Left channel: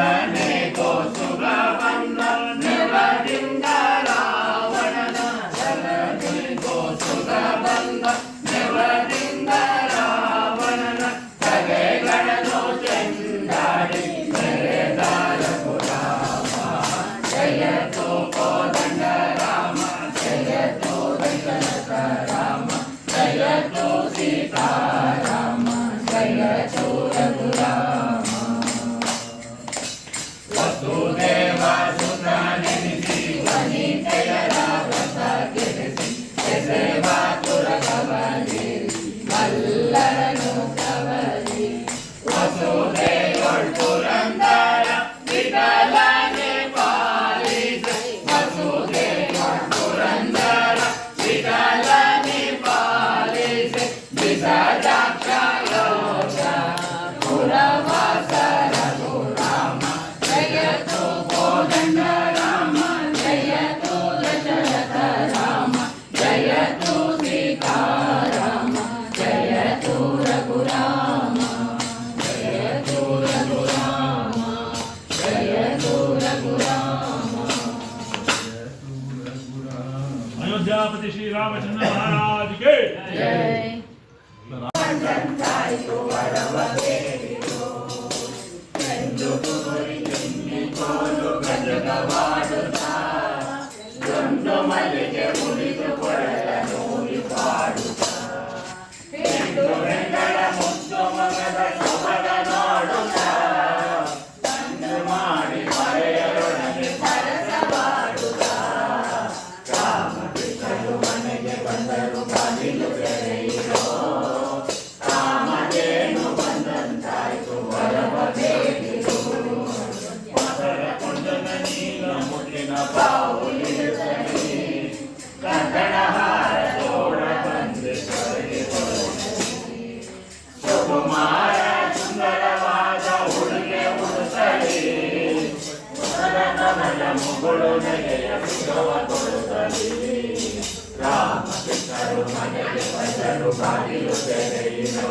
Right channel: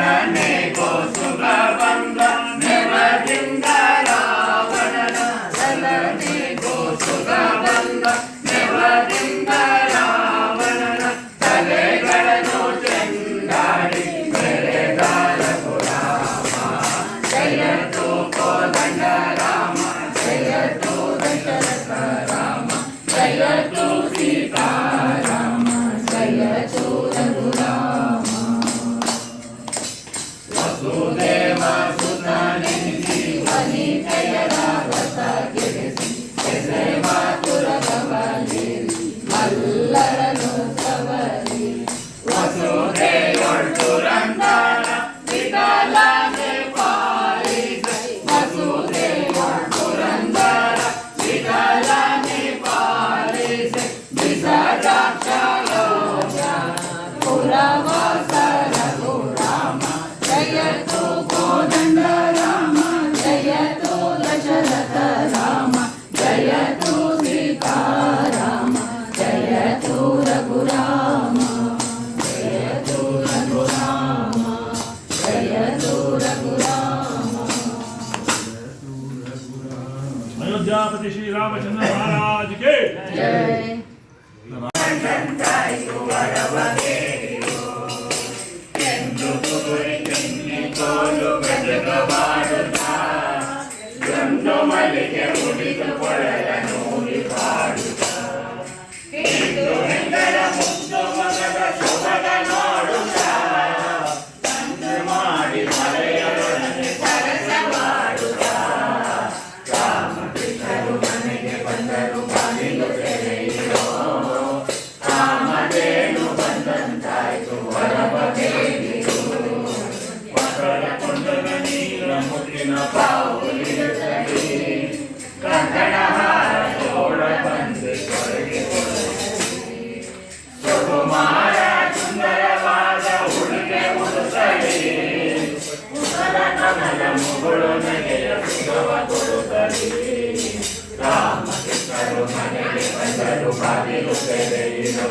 ಸಲನೆ ಕೋಸುಗ ಬಂದ ನೆವದಿಂದ ರಾವಣನ ಸಲನೆ ಕೋಸುಗ ಬಂದ ನೆವದಿಂದ ರಾವಣನ ತಲೆಗಳನ್ನು ಚೆಂದಾಡಿ ಬೆಳೆದಾರ ರಾಮ ಜಯತು ಕೋದಂಡ ರಾಮ ಜಯತು ದಶರಥ ರಾಮ ಜಯತು ಸೀತಾರಾಮ ಜಯತು ರಘುರಾಮ ವಸುದೇವ ಸುತನೆನಿಸಿ ವನಿತೆಯರ ವ್ರತ ಗೆಲಿಸಿ ಎಸೆಬಾತುರ ಕವಲಿ ಮಲ್ಲರನು ಸವರಿ ವಸುದೇವಳು ಪುರಂದರ ವಿಠಲನೆ ಪಾಲಿಸಿ ವಸುದೇವಳು ಪುರಂದರ ವಿಠಲನೆ ಪಾಲಿಸಿ ವಿಸರಾಕ್ಷ ಯೋಗ ಪುರವಾಸ ರಘುರಾಮ ಜಯತು ಕೋದಂಡ ರಾಮ ಜಯತು ದಶರಥ ರಾಮ ಜಯತು ಸೀತಾರಾಮ ಜಯತು ರಘುರಾಮ ಜಯತು ರಘುರಾಮ ಜಯತು ರಘುರಾಮ. अयोध्यापति श्री रामचंद्र महाराज के जय. ಮಲ್ಲಿಗೆ ಮುಡಿದು ಕೊಳಲನೂರಿ ಪಾಡುತ್ತಾ ಹಿಂದೂ ಹೆಂಗಲ ಮುದ್ದು ಮಗದ ಶೋಭದ ನೋಡುತ್ತಾ ತಂದು ಮಾಡಿ ಮಳೆಯರೊಡನೆ ಸರಸವಾಡುತ್ತಾ ರಾಮಕೃಷ್ಣರು ಮನೆಗೆ ಬಂದರು ಬಾಗಿಲು ತೆರೆಯಿರೋ ರಾಮದೇನು ಬಂದಂತಾಯ್ತು ಹೊರಬಗೆಯಿರು ಮಕ್ಕಳ ಕೊಂಡಗ ನೀರ ಮುಟ್ಟಿನ ಪಾವುಲಿರುತ್ತಲಿ ಕಂಕಣ ಹಾರೋಳ ಬಂದು ಸ್ವರ್ಗೆ ಸುಕುಮಾರ ಸುಂದರವಾದ ಉಡುಗೆ ಉಡುತ್ತಲಿ ಮುಖದ ಕಮಲ ಮುಗುಳು ನೆಗೆಯ ಸುಗವ ಕೊಡುತ್ತಲಿ ರಾಮಕೃಷ್ಣರು ಮನೆಗೆ ಬಂದರು ಬಾಗಿಲು ತೆರೆಯಿರೋ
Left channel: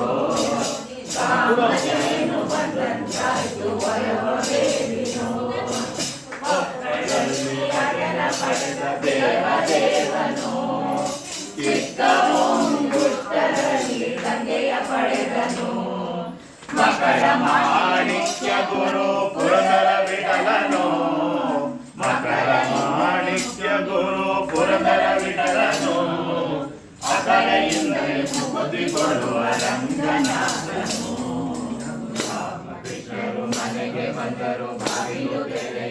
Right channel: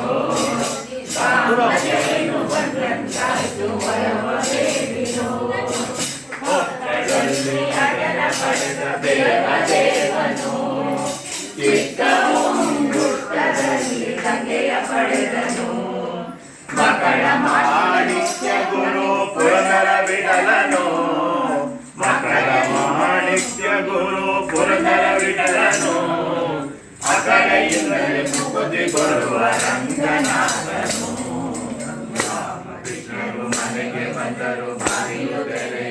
ರಾಮದೇನು ಬಂದಂತಾಯ್ತು ಹೊರಬಗೆಯಿರೋ ಪಡೆದ ದೇವದೇವನು ಚಿತ್ತ ಮುಂಗುಷ್ಟದಲ್ಲಿ ತಂದೆಯ ಪಡೆದನು ಮಕಳ ಮಾಣಿಕ್ಯ ಗುರು ಪುರಂದರ ವಿಠಲನು ಮಕಳ ಮಾಣಿಕ್ಯ ಗುರು ಪುರಂದರ ವಿಠಲನು ಅಕಲೆಯಿಂದಲೇ ಮುಗುದಿ ಕೊಡುವ ರಂಗನಾಥನು ರಾಮಕೃಷ್ಣರು ಮನೆಗೆ ಬಂದರು ಬಾಗಿಲು ತೆರೆ